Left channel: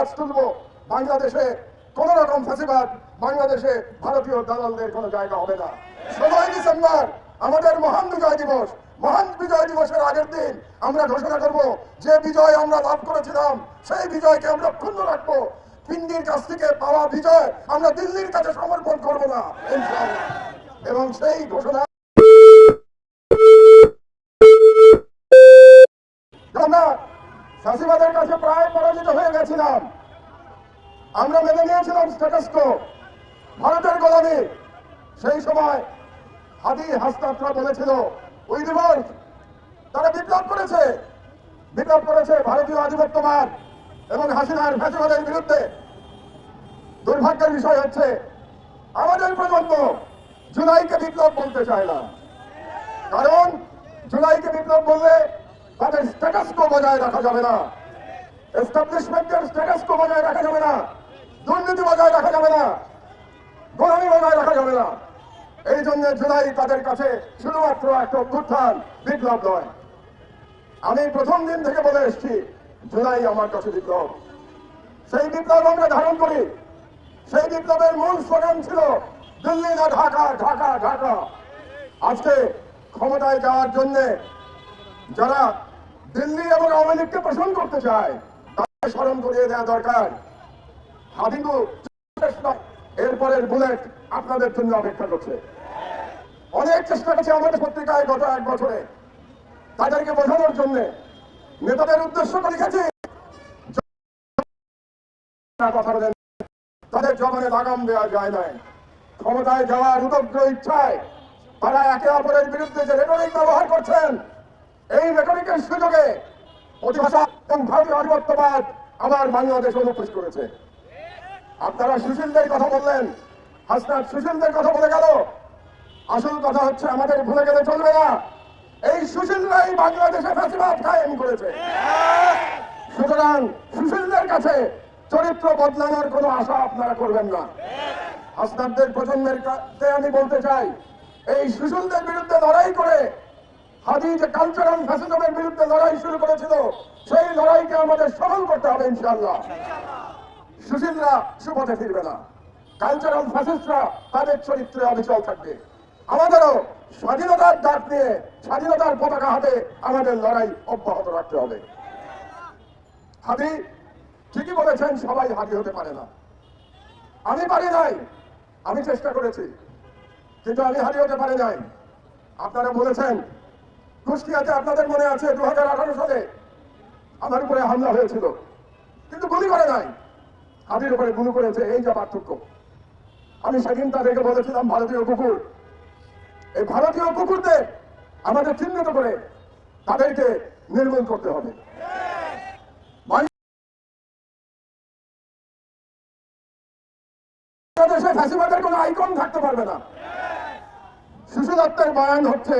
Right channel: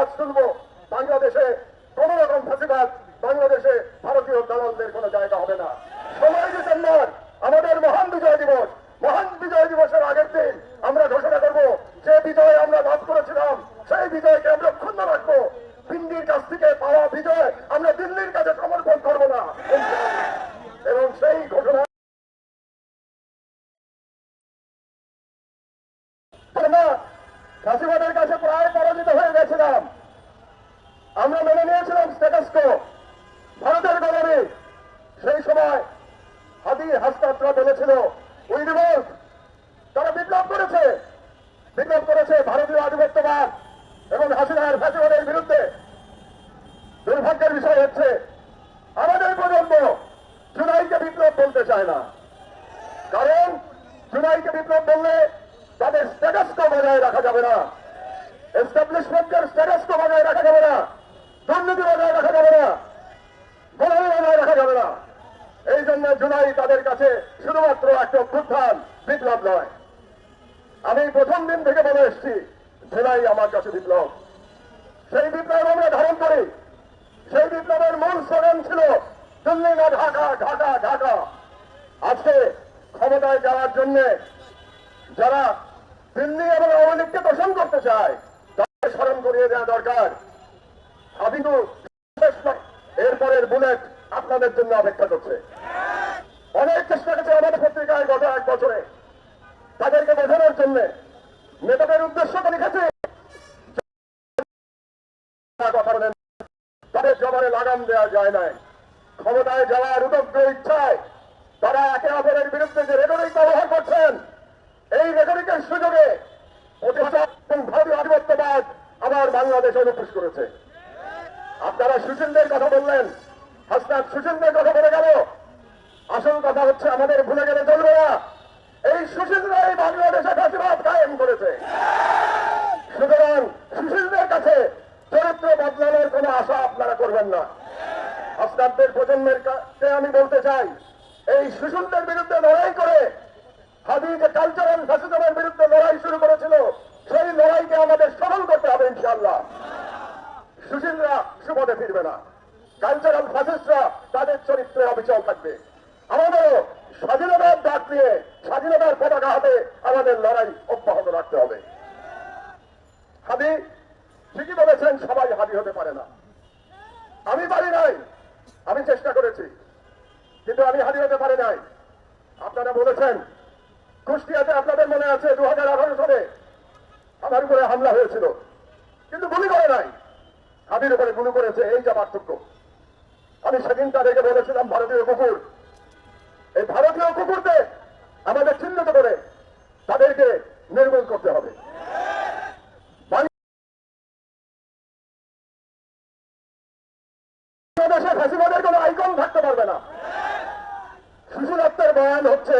আওয়াজ তুলবো, বাংলাদেশে কোন রকম ফাঁসিবাদ, বাংলাদেশে ভারতীয় দালালদের কোনো জায়গা হবে না। 16 ডিসেম্বর আমাদের মহান বিজয় দিবস। মহান বিজয় দিবসের আগের দিন আমরা ঘোষণা করব, যে বিজয় আমরা লাভ করেছিলাম সেই বিজয়কে আমরা ক্ষুণ্ণ রাখবো। পিন্ডির কাছ থেকে পাওয়া বিজয় আমরা দিল্লির কাছে সমর্পণ করবো না, এবং সেই ঘোষণা আমরা ফাঁসিবাদের কাছে প্রায় পরাজিত হয়ে গেছিলাম। আমরা মেনে নিয়েছিলাম স্ট্যাটাস কো, ভারতের গোলামি। সেই সময় হাদি হাসনাতরা বলেছিল উই রিভল্ট, তারা বিপ্লব করেছে ভারতীয় আধিপত্যবাদ এবং হাসিনার ফ্যাসিবাদের বিরুদ্ধে। দুর্ভাগ্যের বিষয় হচ্ছে আমাদের প্রজন্ম জুলাইকে বিপ্লব বলতে চায় না, কারণ জুলাইকে বিপ্লব বললে তাদের স্ট্যাটাস কো বজায় রাখা যাবে না, এস্টাবলিশমেন্টের স্ট্যাটাস কো বজায় রাখা যাবে না, দুর্নীতি বজায় রাখা যাবে না, গোলামি বজায় রাখা যাবে না। এই জন্য জুলাই তাদের কাছে শুধুমাত্র একটা অভ্যুত্থান, বিপ্লব নয়। আমি প্রথম দিন থেকে বলে এসেছি জুলাই আমার কাছে বিপ্লব। সেই বিপ্লব আমরা ধারণ করি। সেই বিপ্লবের মূল স্লোগান ছিল দিল্লি না ঢাকা, ঢাকা ঢাকা। আজকে ক্ষমতায় যাওয়ার জন্য যারা দিল্লি এবং আওয়ামী লীগকে পোষণ করতে চায় তাদের স্মরণ করিয়ে দেওয়া দরকার, হাদিদু এরপরের বুলেট আপনাদের জন্য অপেক্ষা করছে। অনেক চেষ্টা করছে আমাদের পত্রিকায় গত 1 বছরে তাদেরকে বোঝানোর জন্য, নেতাদের উদ্দেশ্য করে লিখেছি কথা বলেন, তাদের জবানে লাগাম দেওয়া যায় নাই। ক্ষমতায় যাওয়ার উদগ্র ইচ্ছায় তারা একে অপরের বিরুদ্ধে যে রেটরিক ব্যবহার করছেন, এই রেটরিকের সুযোগে প্রতিভাষা এবং ভারতীয় আধিপত্যবাদ আমার বাংলাদেশে অনুপ্রবেশ করেছে। আপনারা সুশীলদের কথা বললেন, হাসনাত সুশীলদের কথা বলে গেল। আসল কথা হচ্ছে আমাদের ভুলে গেলে চলবে না, এই সুশীলরাই বাংলাদেশে ফ্যাসিবাদ কায়েম করেছে। সুতরাং সুশীলদের কাছে চরিত্র বদলানোর কোন আশা আপনারা করবেন না। হাসনাতদের প্রজন্মের কাছে আমি বলতে চাই, এই সুশীলদের বিরুদ্ধে লড়াই করে হাদি যে কালচারাল ফ্যাসিজমের বিরুদ্ধে লড়াই শুরু করেছিল, সেই লড়াইকে আমাদের সফল করতে হবে ইনশাআল্লাহ। সুশীলরা সুপথে ফিরবে না, কালচারাল ফ্যাসিস্টরা তাদের চরিত্রে অবিচল থাকবে। আমাদেরও স্বাধীনতার ডাক নিয়ে স্বাধীনতার পতাকা হাতে আমাদের লড়াই অব্যাহত রাখতে হবে। হাদি ঠিকই বলেছেন, সবাই হাদি হতে পারে না। আমি পারি নাই, আমি চেষ্টা করেছি, কিন্তু আমি হাদি হতে পারি নাই। আপনারা বলেছেন কুষ্টিয়াতে, আপনাদের মনে আছে 2018 সালে আমার উপরে হামলা হয়েছিল, কিন্তু গুলি করে নাই, হাদির উপরে গুলি করেছে, এই যা পার্থক্য। আমি সেদিন তাদেরকে বলেছিলাম ভারতীয় কুকুর, এই ভারতীয় কুকুরদের আমাদের চিহ্নিত করে তাদেরকে নির্মূল করতে হবে। বাংলাদেশে ফ্যাসিবাদের কোন আইকন থাকতে পারবে না। সুশীলত্বের বয়ান হচ্ছে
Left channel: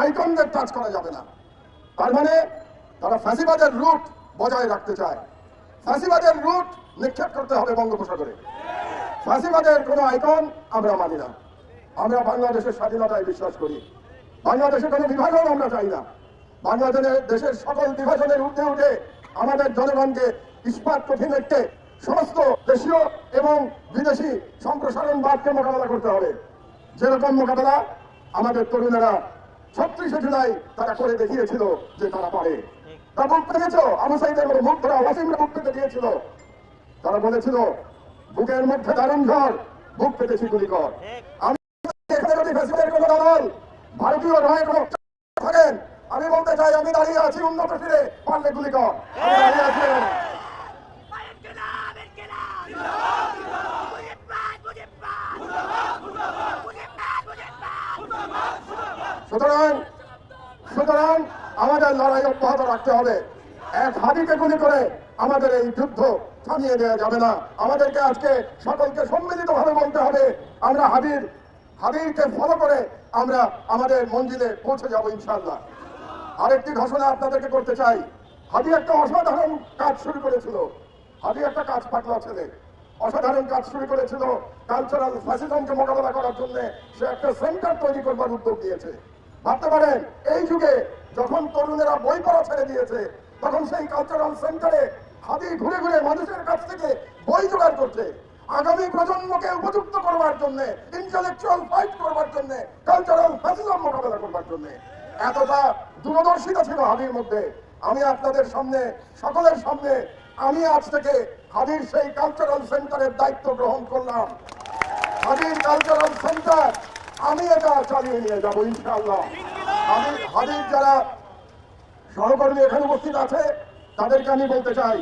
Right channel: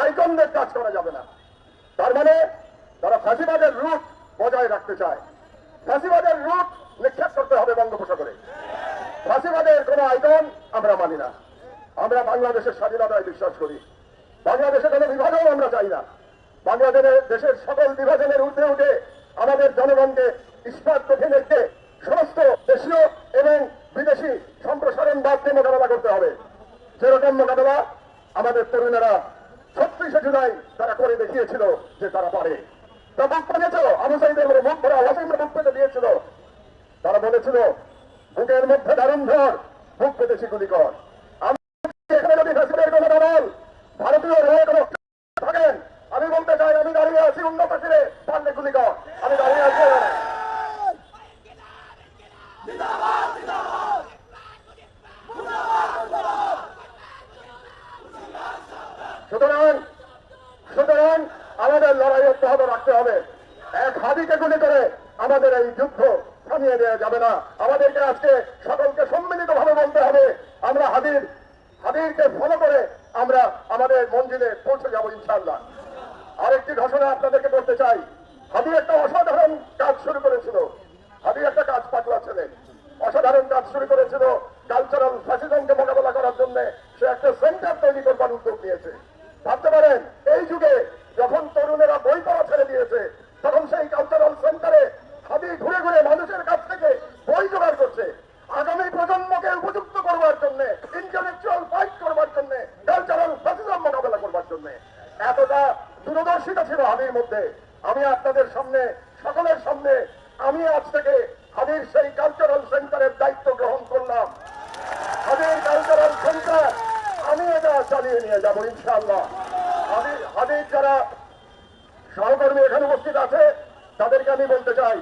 আইকনদের কাজ করা যাবে না। তার মানে তারা ফ্যাসিবাদের রুট বজায় রাখতে চায়। ফ্যাসিবাদের রুট নিক্ষেপ করতে হবে বঙ্গোপসাগরে। ফ্যাসিবাদের কোন আইকন আমরা মানি না। আমরা বাংলাদেশের স্বাধীনতায় বিশ্বাস করি। বাংলাদেশে কোনো বিভাজন আমরা চাই না। দেশের সকল বিভাজনের ঊর্ধ্বে উঠে আমাদের জনগণকে ইস্পাত কঠিন রেখে সমস্ত দেশীয় এবং বিদেশি সম্প্রসারণবাদকে মোকাবেলা করতে হবে। যেরকম মোকাবেলা আমাদের তরুণেরা 36শে জুলাই তারা করে দেখিয়েছিল যে তারা পারে। তা মুখ পেতেছ, আবু সাইদের মুখ ধরা ওয়াসিমরা মুখ পেতে দিয়েছিল। তারা বলেছিল বুকের মধ্যে দারুণ ঝড়, বুক পেতেছি গুলিকর। এখানে যদি ফেসিলের কথা না বল, ভারতীয় রয়ে কোনো থাকেন, আমি বলতে চাই আমি দাঁড়িয়ে আছি উন্নত ফিরে পারলে গুলিকর, আমি দাঁড়িয়ে আছি। সুতরাং আমাদের লড়াই অব্যাহত রাখতে হবে। এক হাদিকে গুলি করে আমাদের এই যুদ্ধ থামিয়ে দেওয়া যাবে না। আমাদেরকে আজকে সকলকে সম্মিলিত ভাবে বলতে হবে, আমরা হাদিরকে ফলো করে আমরা আমাদের মঞ্জিলে পৌঁছে যাব ইনশাআল্লাহ। আরেকটি ঘোষণা আপনাদেরকে করতে চাই। হাদি একটা অসাধারণ কাজ শুরু করেছিল। হাদি একটা কাজ পাগলা ছেলে, অসাধারণ কাজ শুরু করেছিল কালচারাল ফ্যাসিজমকে মোকাবেলা করার জন্য। সে একটা সেন্টার তৈরি করবার উদ্যোগ নিয়েছে। ভাবতে পারেন এই যুগে যখন তরুণেরা বই পড়া ছেড়ে দিয়েছে, তখন সেই কালচারাল সেন্টারে হাতি ঘুরে ঘুরে মানুষের কাছ থেকে বই জোগাড় করছে, আগামী প্রজন্মকে উপযুক্ত করবার জন্য, ইন্টেলেকচুয়াল ফাইট করবার জন্য, কালচারাল ফ্যাসিজম মোকাবেলা করবার জন্য এতটা দূরদর্শিতা ছিল হাদির মধ্যে। আমি আপনাদের সামনে, সকলের সামনে, আমি আজ থেকে হাদির সেই কালচারাল সেন্টারের দায়িত্ব গ্রহণ করলাম। হাদির কালচারাল সেন্টার আমি এটা চালিয়ে নিয়ে যাবো ইনশাআল্লাহ। হাদির যারা সহকর্মী এখানে উপস্থিত আছে তাদেরকে আমি বলতে চাই,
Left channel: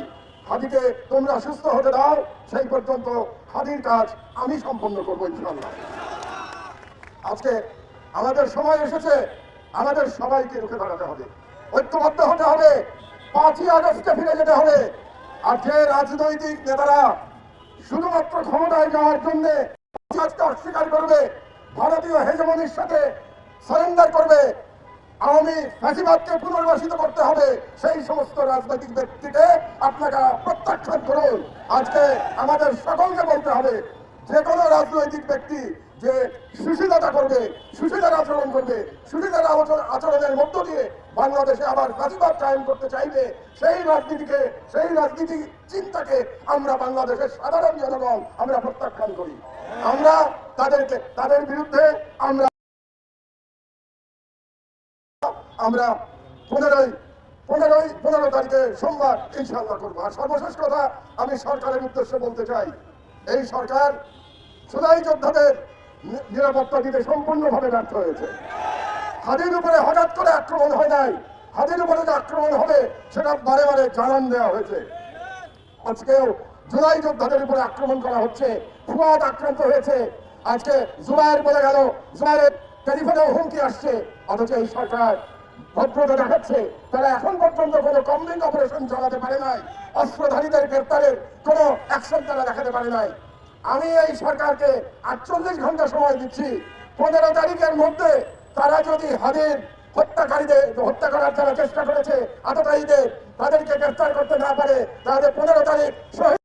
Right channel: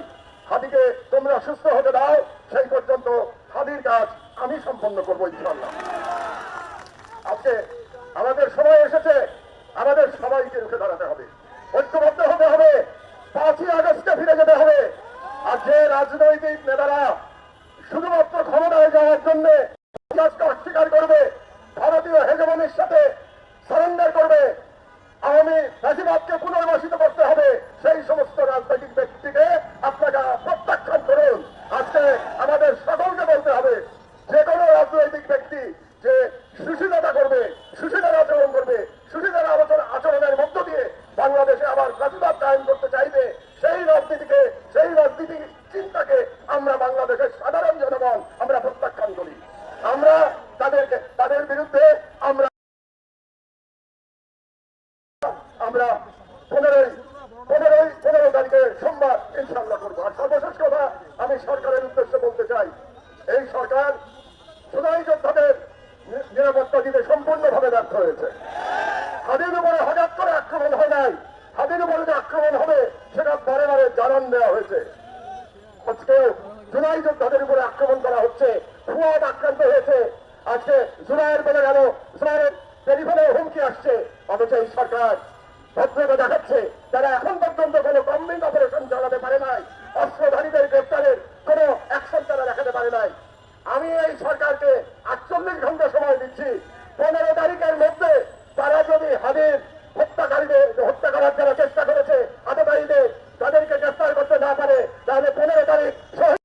হাদিকে তোমরা সুস্থ হতে দাও, সেই পর্যন্ত হাদির কাজ আমি সম্পন্ন করবো ইনশাআল্লাহ। আজকে আমাদের সময় এসেছে, আমাদের সবাইকে রুখে দাঁড়াতে হবে, ঐক্যবদ্ধ হতে হবে, 5ই আগস্টে ফিরে যেতে হবে। আর যে রাজনৈতিক নেতারা শুধুমাত্র ক্ষমতায় যাওয়ার জন্য অস্বীকার করবে, ভারতীয় হেজমনির সাথে সারেন্ডার করবে, আওয়ামী ফ্যাসিবাদকে পুনর্বাসিত করতে হবে, সেই সমস্ত রাজনৈতিক ব্যক্তিকে আপনারা প্রত্যাখ্যান করুন। আজকে আমাদের সকলকে বলতে হবে, যে কোনো রাজনৈতিক ব্যক্তি যে সুশীলতা করবে, সুশীলার আচরণ করবে, সুশীলার আচরণের মধ্য দিয়ে বাংলাদেশে আবার ফ্যাসিবাদ কায়েম করতে চাইবে, সেই রাজনীতিকে, সেই রাজনীতি চিন্তাকে আমরা বাংলাদেশের সাধারণ জনগণ আমরা প্রত্যাখ্যান করি। আমরা তাদের বিরুদ্ধে আমরা 15 তারিখে সোমবার ইনশাআল্লাহ করবো। আর সর্বশেষ কথা আমি সরকারের উদ্দেশ্যে বলতে চাই, এই সরকার জুলাই যোদ্ধাদের নিরাপত্তা দিতে সম্পূর্ণভাবে ব্যর্থ হয়েছে। হাদির উপরে হঠাৎ করে আক্রমণ হয় নাই, হাদির উপরে যে আক্রমণ হবে সেটা বারে বারে জানান দেওয়া হয়েছে। আজকেও জুলাই যোদ্ধাদের উপরে আক্রমণ করা হচ্ছে, ফুয়াদ আক্রান্ত হয়েছে, আজকে জুলাইয়ের বলে গেল, জুলাইয়ের টেলিফোনেও হুমকি আসছে, অথচ এই সরকার ভদ্রতা দেখাচ্ছে। তারা এখন পর্যন্ত কোনো কমলিং অপারেশন চালাতে পারে নাই, অস্ত্রধারীদের গ্রেপ্তারের কোনো অ্যাকশন তারা দেখাতে পারে নাই। আমি এই সরকারকে 48 ঘন্টা সময় দিচ্ছি, 15 তারিখের মধ্যে তারা যদি হাদির হত্যাকারীদের হত্যা করার যারা চেষ্টা করেছে আততায়ীদের, তাদেরকে গ্রেফতার করতে না পারে, তাহলে 15 তারিখ শহীদ